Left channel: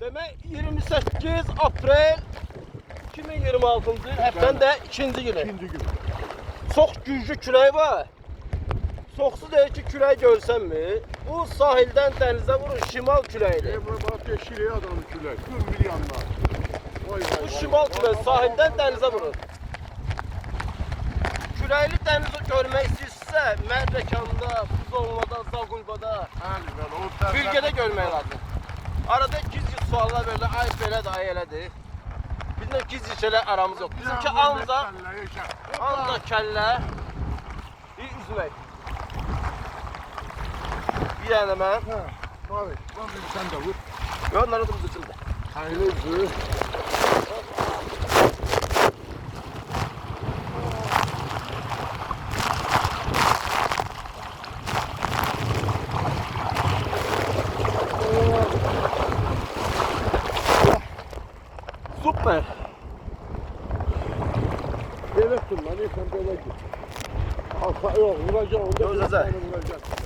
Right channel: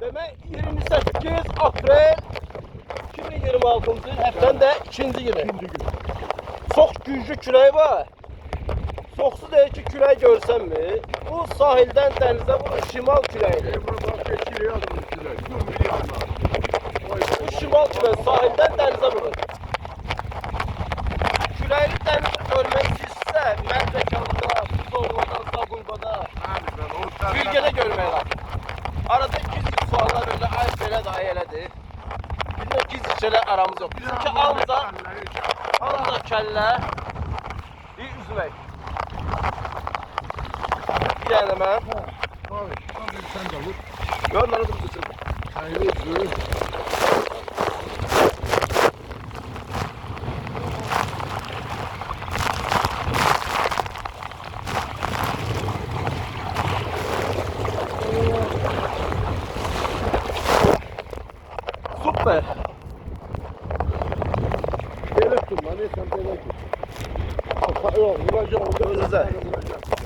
Demek 28 April 2026 il haftanın da ikinci günü. Çok güclü külək var. Çoxsu deyir ki, külək görsənmi? Bu sahildən dənizə vurur şimal küləyidir. Bu şimal küləyi sahildən dənizə vurur. Küləkli dənizi görmək istəyirsə, Mərdəkanda, Tuzovada, Zaqulbada, bölgədə görmək lazım. Arada gizli suallar böyle, ay belə də, ay elədir. Bizimlə gizli şeylər aramız yox. Bizimki ancaq kəllə, bir üzmək. Bir dənə mən. Sen de vur. Onları da bitirdim. Hayırlı vur. Süper. Böyle tutma, ne sen böyle git. Yok, vuracağım. Vuracağım. Vuracağım.